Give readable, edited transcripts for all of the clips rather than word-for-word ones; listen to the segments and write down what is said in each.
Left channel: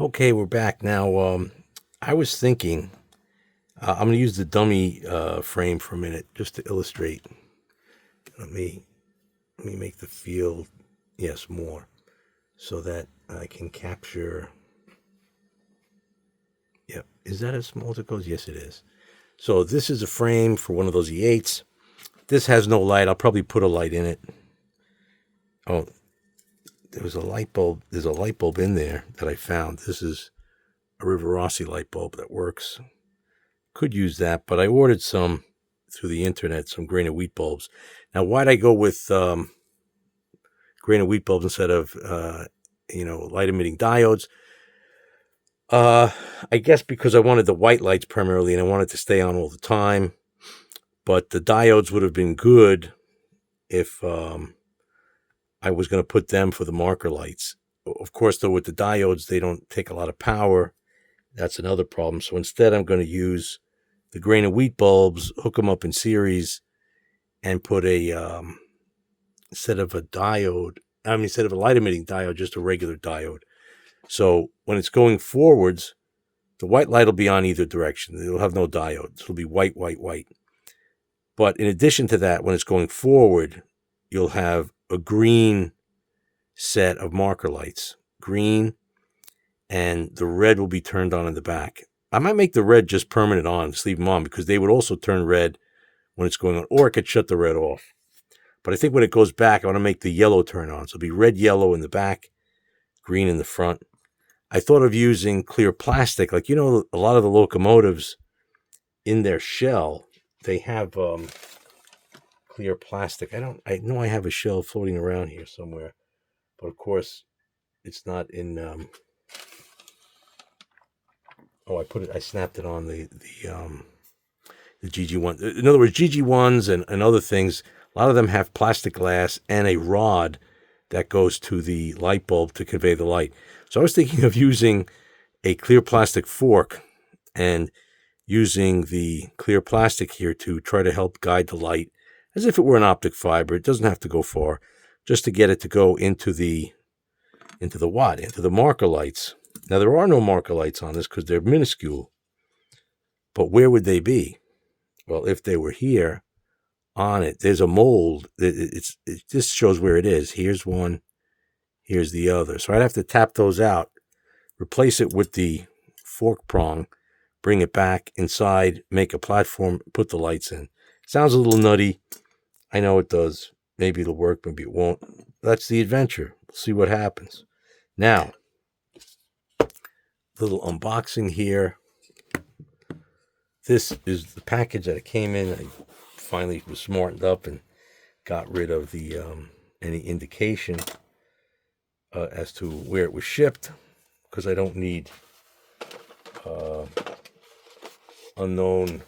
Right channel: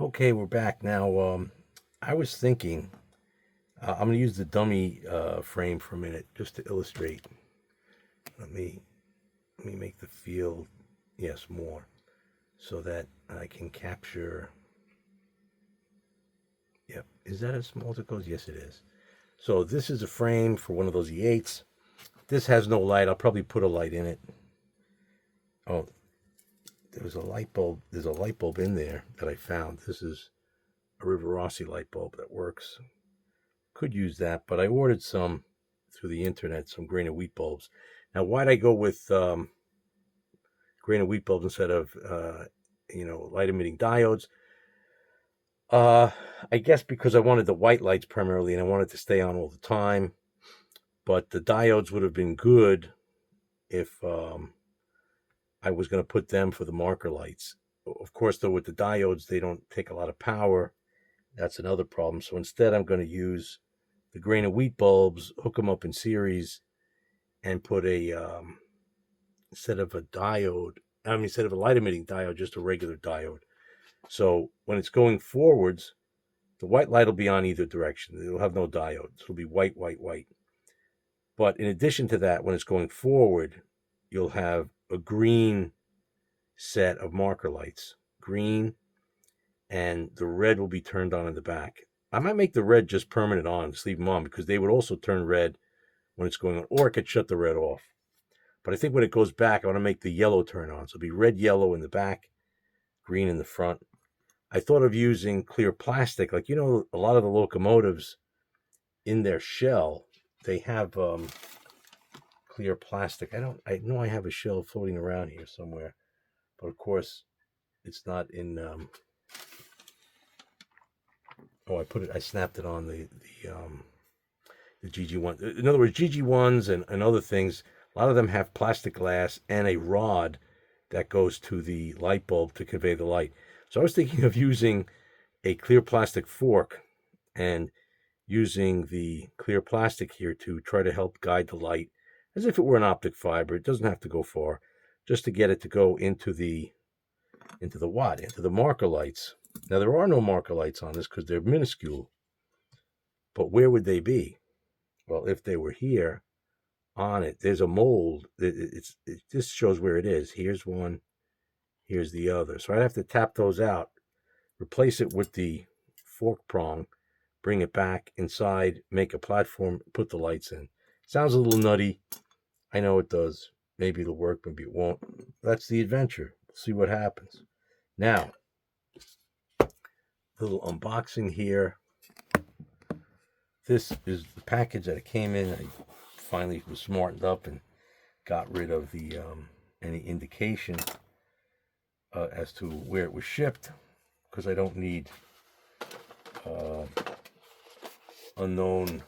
Okay, we're back now. I was thinking I'm going to use the dummy frame for a minute just to illustrate. Let me let me make the field yes more so that I can capture. Yep, is that as small as it goes? Yes, it is. So this is a frame for one of those E8s. This has no light. I'll probably put a light in it. Oh, there was a light bulb. There's a light bulb in there that I found. This is a Rivarossi light bulb that works. Could use that, but I ordered some through the internet, some grain of wheat bulbs. Now, why'd I go with grain of wheat bulbs instead of light emitting diodes? Uh, I guess because I wanted the white lights primarily, and I wanted to stay on all the time. But the diodes would have been good if I was going to put them for the marker lights. Of course, though, with the diodes, they don't take a lot of power. That's another problem. So instead, I'm going to use the grain of wheat bulbs, hook them up in series, and put instead of a light emitting diode, just a regular diode. So when it's going forwards, the white light will be on either direction. It'll have no diode. It'll be white, white, white. But in addition to that, when it's going forward, you'll have a green set of marker lights. Green, and the red will be turned on in the back. I might make the red just permanent on, just leave them on, because they would also turn red when it's going on, or I could shut the red off. But I think when it goes back, I want to make the yellow turn on. So it'll be red, yellow in the back, green in the front. I thought of using clear plastic. Like, a lot of the locomotives in their shell, they have clear plastic. I know I have a shell floating around here somewhere, but of course it's not in I snapped it on the GG1. In other words, GG1s and other things, a lot of them have plastic glass and a rod that goes to the light bulb to convey the light. So I was thinking of using a clear plastic fork and using the clear plastic here to try to help guide the light as if it were an optic fiber. It doesn't have to go far, just to get it to go into the marker lights. Now, there are no marker lights on this because they're minuscule. But where would they be? Well, if they were here on it, there's a mold. It just shows where it is. Here's one. Here's the other. So I'd have to tap those out, replace it with the fork prong, bring it back inside, make a platform, put the lights in. Sounds a little nutty. I know it does. Maybe it'll work, maybe it won't. That's the adventure. We'll see what happens. Now, little unboxing here. This is the package that it came in. I finally was smartened up and got rid of the any indication as to where it was shipped, because I don't need unknown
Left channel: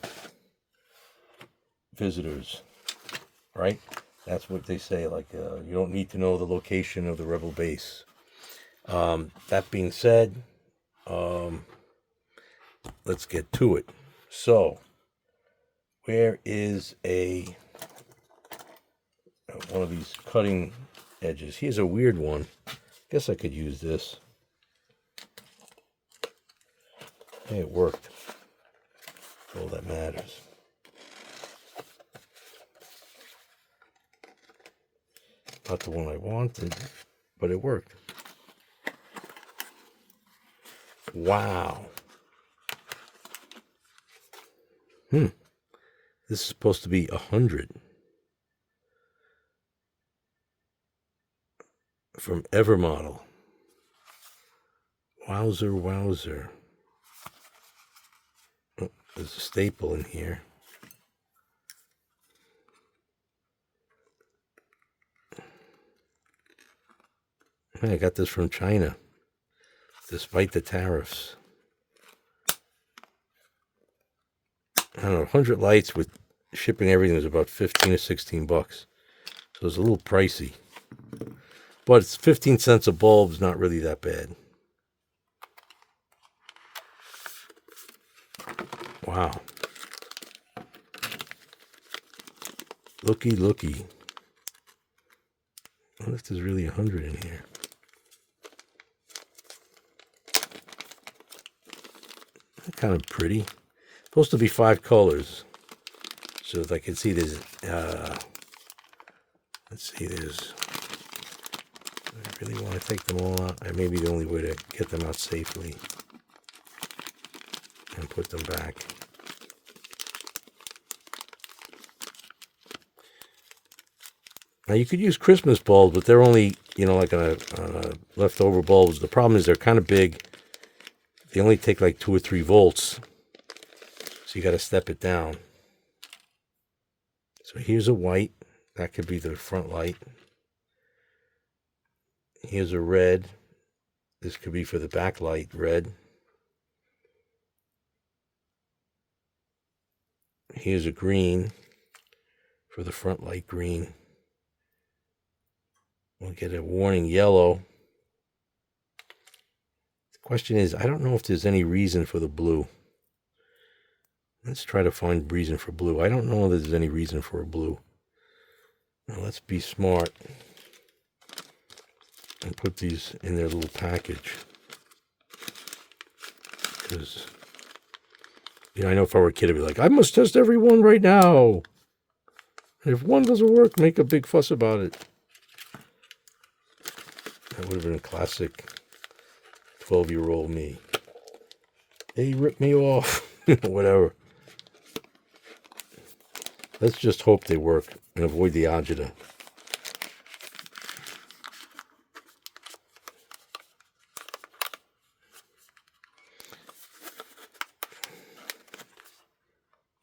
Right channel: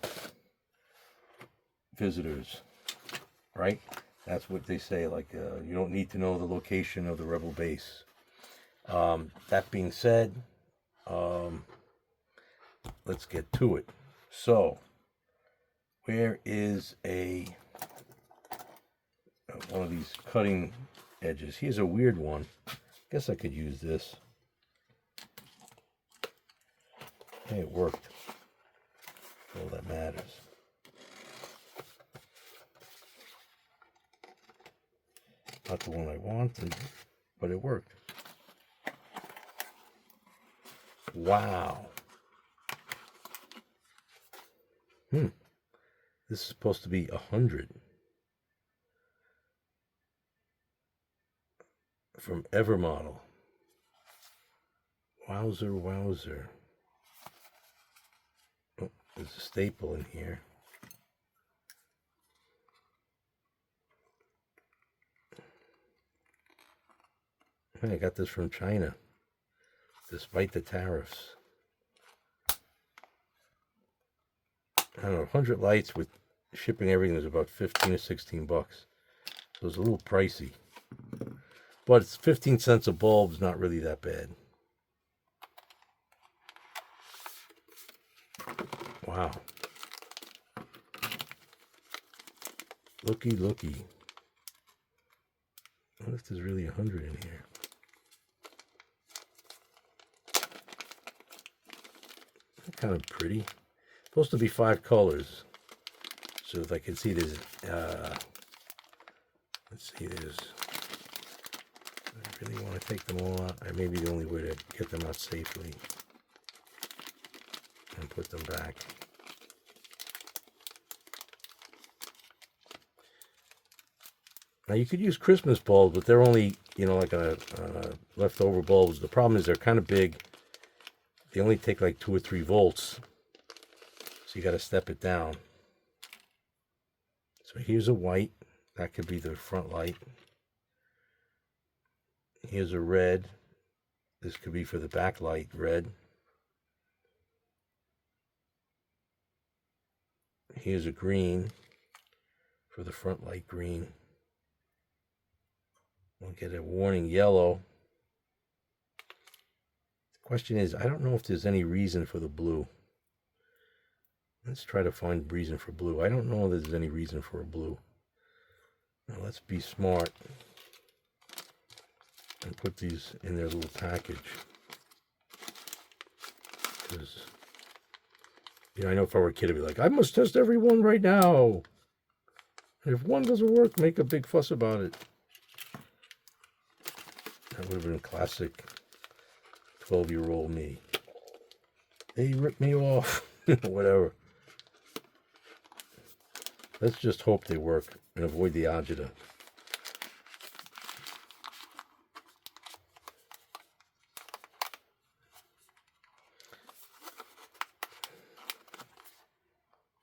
visitors, right? That's what they say, like you don't need to know the location of the rebel base. That being said, let's get to it. So, where is one of these cutting edges? Here's a weird one. Guess I could use this. Hey, it worked. All that matters. Not the one I wanted, but it worked. Wow. This is supposed to be 100. From Evermodel. Wowzer, wowzer. Oh, there's a staple in here. I got this from China, despite the tariffs. I don't know, 100 lights with shipping everything is about 15 or 16 bucks. So it's a little pricey. But it's 15 cents a bulb is not really that bad. Wow. Looky, looky. I wonder if there's really 100 in here. kind of pretty. Supposed to be 5 colors. So as I can see, there's, let's see, there's, I really want to take them all out. That may be the only way to get them out safely. And put them back. Now you could use Christmas bulbs, but they're only, like on a leftover bulbs. The problem is they're kind of big. They only take like 2 or 3 volts. So you got to step it down. So here's a white. That could be the front light. Here's a red. This could be for the back light, red. Here's a green for the front light, green. We'll get a warning yellow. The question is, I don't know if there's any reason for the blue. Let's try to find reason for blue. I don't know if there's any reason for a blue. Now let's be smart and put these in their little package. Because, I know if I were a kid, I'd be like, I must test every one right now. And if one doesn't work, make a big fuss about it. That would have been a classic 12-year-old me. They ripped me off. Whatever. Let's just hope they work and avoid the agita.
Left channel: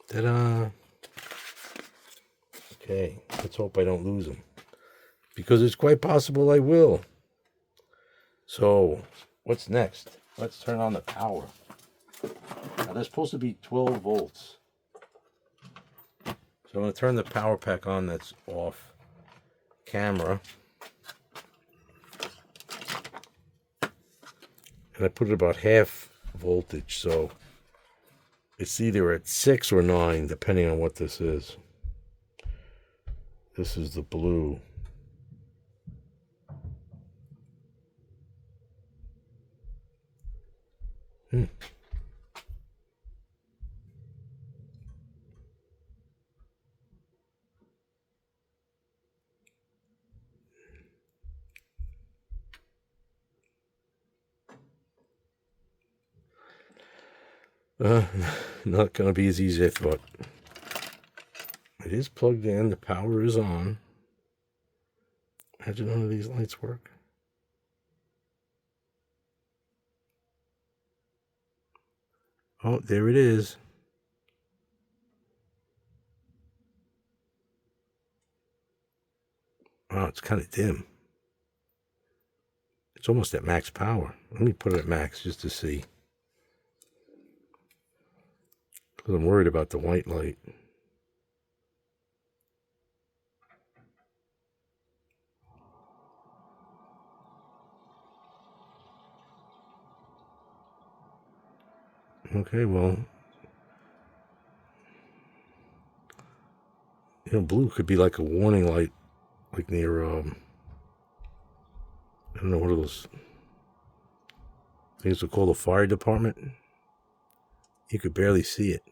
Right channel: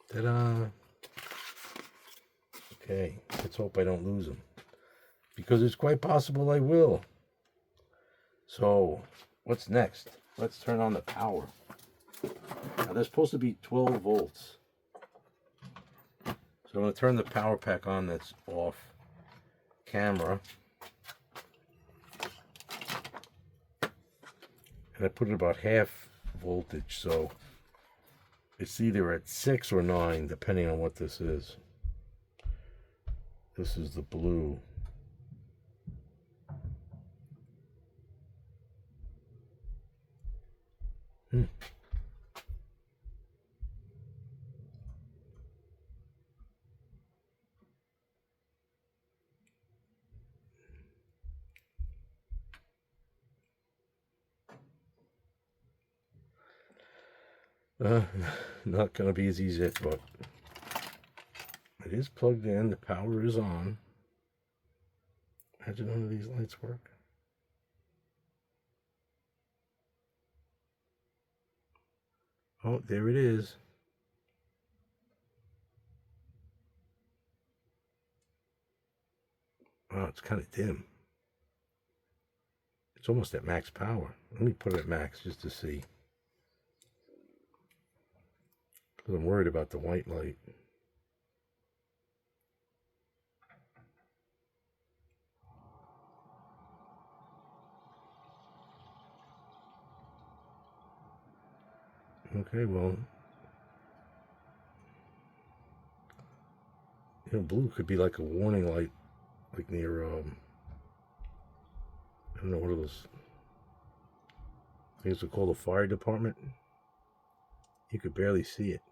Ta-da! Okay, let's hope I don't lose them. Because it's quite possible I will. So, what's next? Let's turn on the power. Now, they're supposed to be 12 volts. So I'm going to turn the power pack on that's off camera. And I put it about half voltage, so it's either at 6 or 9, depending on what this is. This is the blue. Not going to be as easy as I thought. It is plugged in. The power is on. Imagine none of these lights work. Oh, there it is. Oh, it's kind of dim. It's almost at max power. Let me put it at max just to see. Because I'm worried about the white light. Okay, well, blue could be like a warning light, like near, I don't know what are those things are called, the fire department. You could barely see it.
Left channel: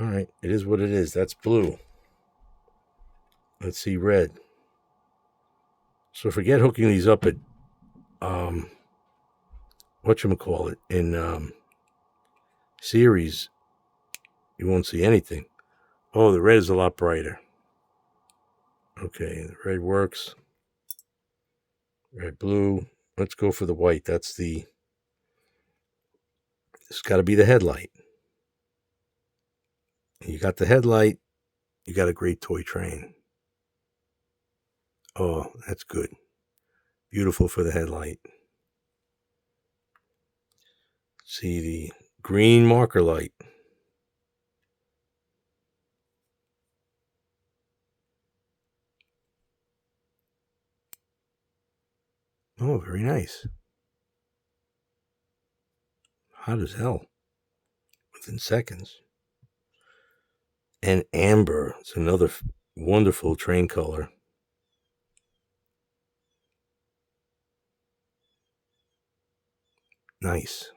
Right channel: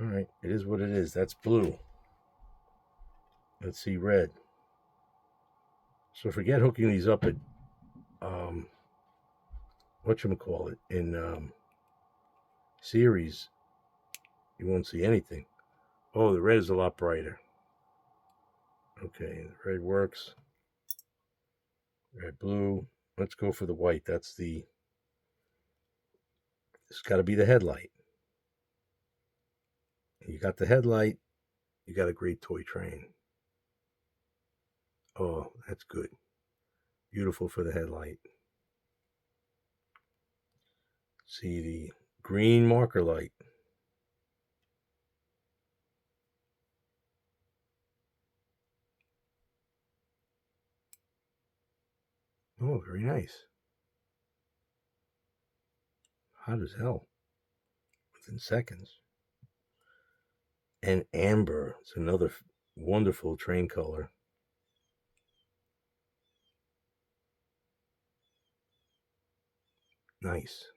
All right, it is what it is. That's blue. Let's see red. So forget hooking these up at, whatchamacallit, in series. You won't see anything. Oh, the red is a lot brighter. Okay, the red works. Red, blue. Let's go for the white. It's got to be the headlight. You got the headlight. You got a great toy train. Oh, that's good. Beautiful for the headlight. See the green marker light. Oh, very nice. Hot as hell. Within seconds. And amber. It's another wonderful train color. Nice.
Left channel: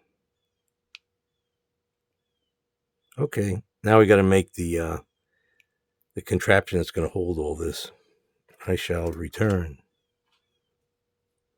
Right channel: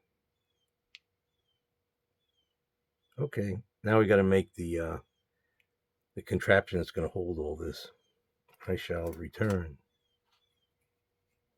Okay, now we got to make the contraption that's going to hold all this. I shall return.